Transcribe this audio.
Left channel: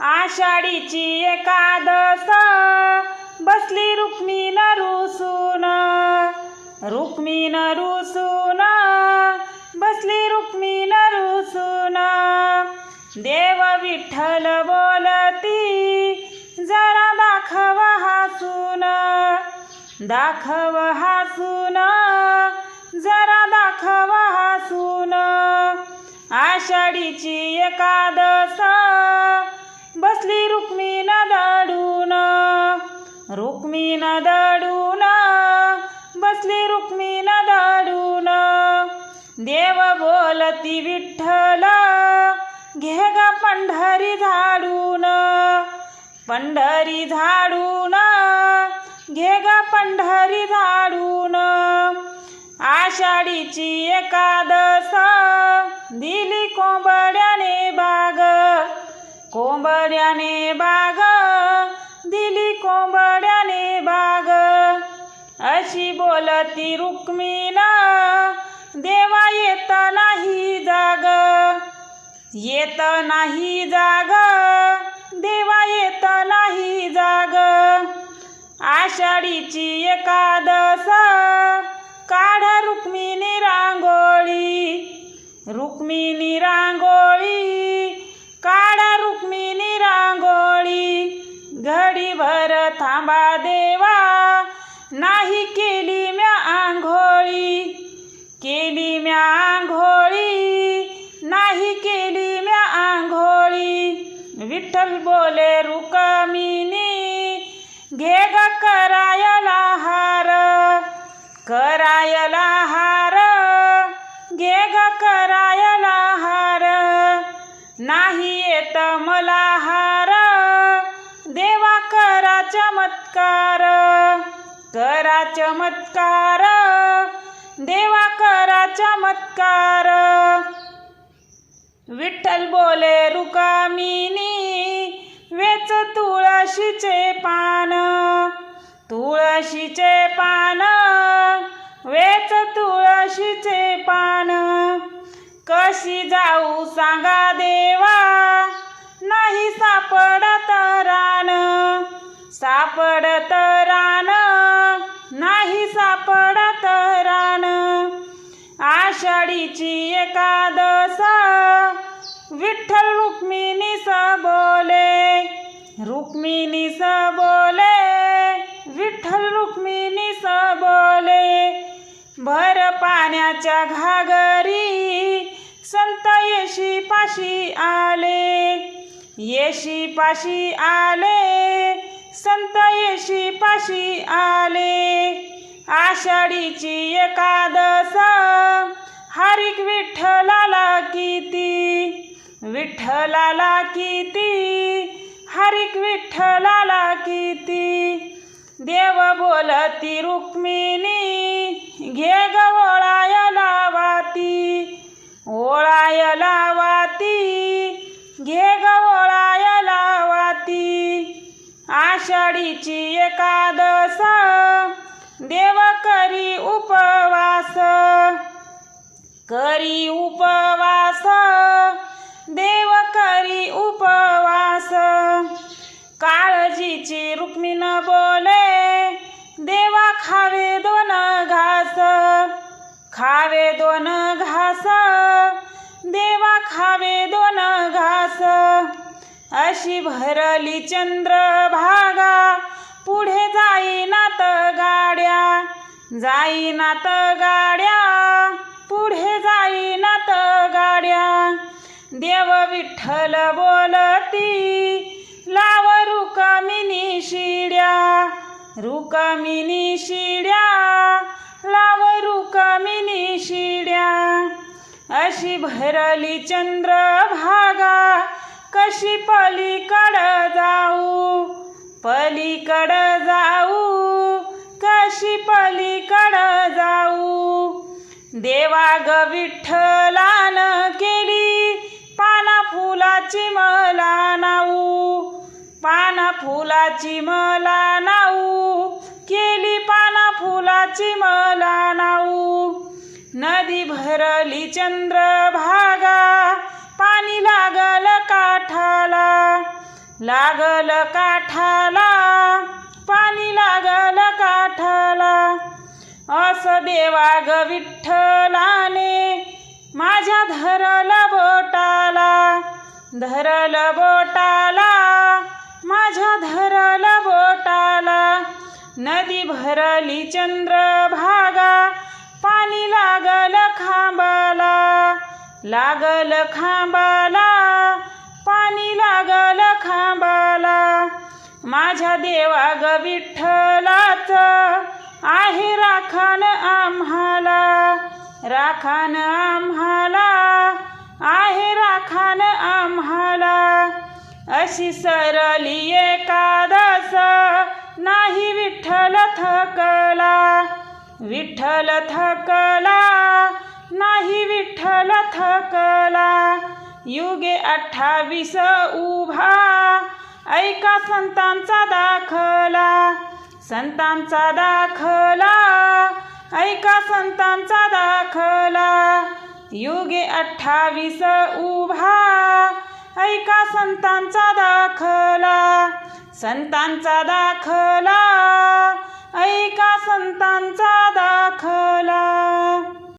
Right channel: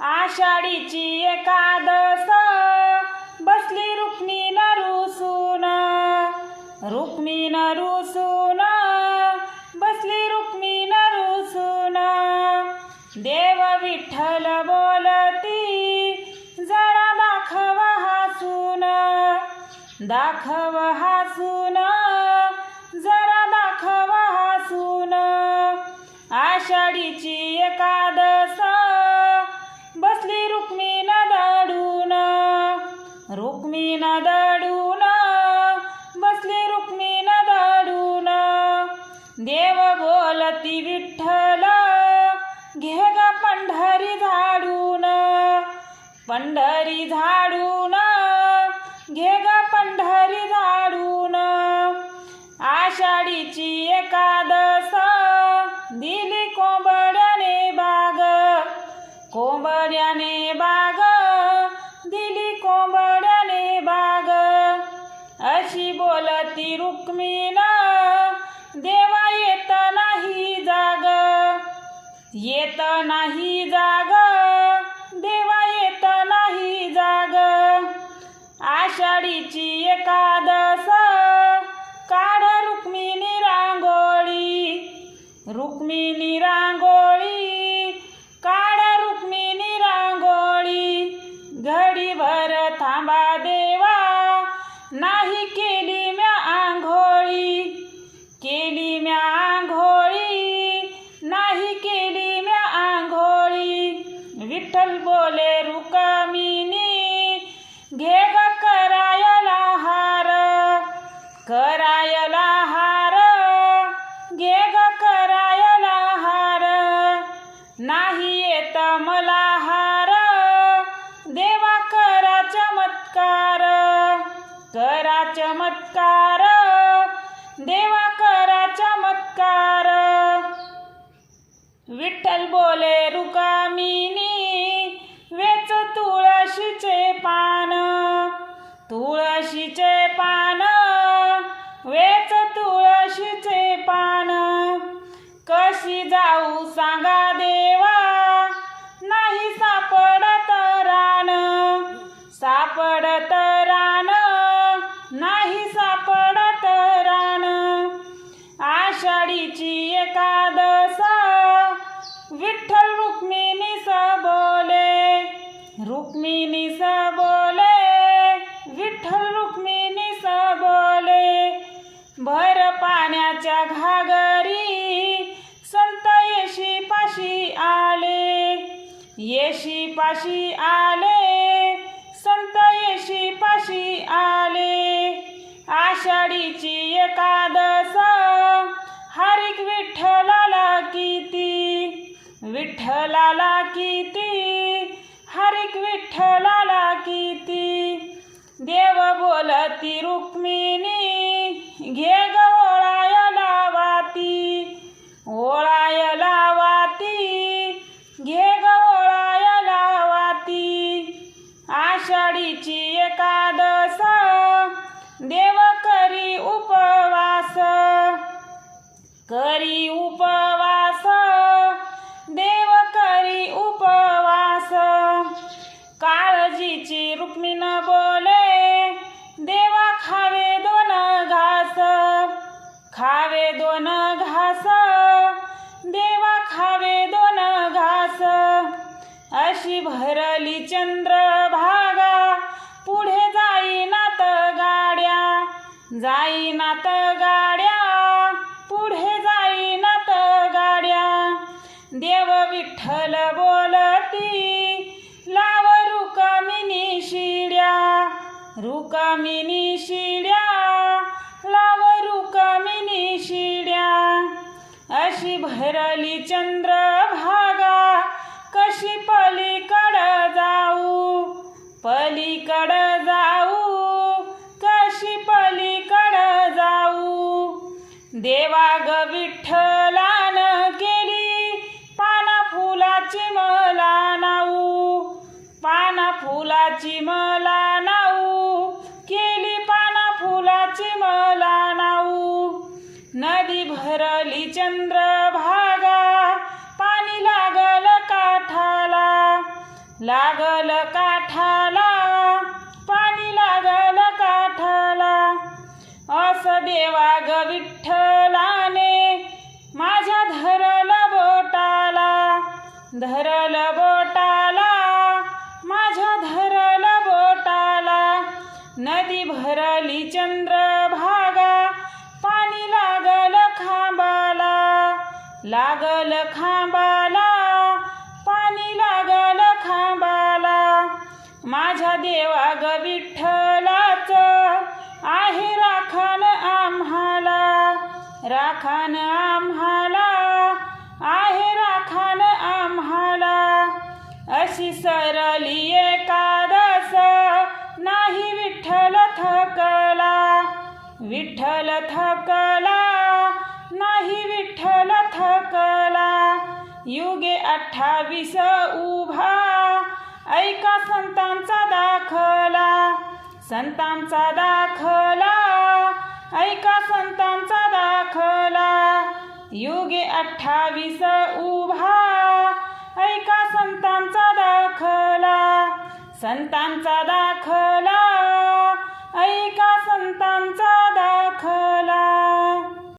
आषाढीची एकादस बसली रुक्मिण रुसून, रुक्मिण रुसून बसली रुक्मिण रुसून। देव विठ्ठल बोलती जरा दाखव हासून, दाखव हासून जरा दाखव हासून। आषाढीची एकादस बसली रुक्मिण दडून, रुक्मिण दडून बसली रुक्मिण दडून। देव बोलती विठ्ठल घे ग पंढरी झाडून, पंढरी झाडून घे ग पंढरी झाडून। आषाढीची एकादस दिली कोंबड्याने बाग, कोंबड्याने बाग दिली कोंबड्याने बाग। अशी बोलती रुक्मिण देवा येत नाही जाग, येत नाही जाग देवा येत नाही जाग। आषाढीची एकादस काढ रुक्मिणी रांगोळी, रुक्मिणी रांगोळी काढ रुक्मिणी रांगोळी। घडीभर थांबा देवा नाही केली म्या आंघोळी, केली म्या आंघोळी नाही केली म्या आंघोळी। विठ्ठल बोले रुक्मिणी घे ग करायला हार, करायला हार घे ग करायला हार। नाही येत मला हार देवा करा चमत्कार, करा चमत्कार देवा करा चमत्कार। विठ्ठल बोले रुक्मिणी वेच तुळशीचे पान, तुळशीचे पान वेच तुळशीचे पान। कशी जाऊ सांगा देवा नाही सापडत रान, सापडत रान नाही सापडत रान। आषाढीची एकादस विठ्ठल रुक्मिणी स बोले, रुक्मिणी स बोले विठ्ठल रुक्मिणी स बोले। भर पाण्याच्या घागरी संत येशी पाशी आले, येशी पाशी आले संत येशी पाशी आले। आषाढीची एकादस हरिक विठ्ठलाला किती, विठ्ठलाला किती हरिक विठ्ठलाला किती। देव बोलती रुक्मिणी घे ग ओळायला वाती, ओळायला वाती घे ग ओळायला वाती। आषाढीची एकादस देव करी उपवास, करी उपवास देव करी उपवास। काळजीची रुक्मिण बोले देवा खावे दोन घास, खावे दोन घास देवा खावे दोन घास। अशी भरली चंद्रभागा पुढे जाईनात गाड्या, जाईनात गाड्या पुढे जाईनात गाड्या। देव विठ्ठल बोलती लाव रुक्मिणी शिड्या, रुक्मिणी शिड्या लाव रुक्मिणी शिड्या। अशी भरली चंद्रभागा कशी पलीकड जाऊ, पलीकड जाऊ कशी पलीकड जाऊ। देवा ग विठ्ठलान केली पाना फुलाची मला नाऊ, पाना फुलाची मला नाऊ केली पाना फुलाची मला नाऊ। नदी भरली चंद्रभागा पाणी लागल काठाला, लागल काठाला पाणी लागल काठाला असं देवा ग विठ्ठलाने माझ्या धरलं बोटाला माझ्या धरलं बोटाला नदी भरली चंद्रभागा पाणी लागल खांबाला पाणी लागल खांबाला माझ्या देवा ग विठ्ठलाच आहे राखण आम्हाला आहे राखण आम्हाला अशी सरली एकादस नाही विठ्ठल थकला नाही विठ्ठल थकला युगे 28 उभा ऐका संतांचा दाखला ऐका संतांचा दाखला युगे 28 उभा ऐका संतांचा दाखला ऐका संतांचा दाखला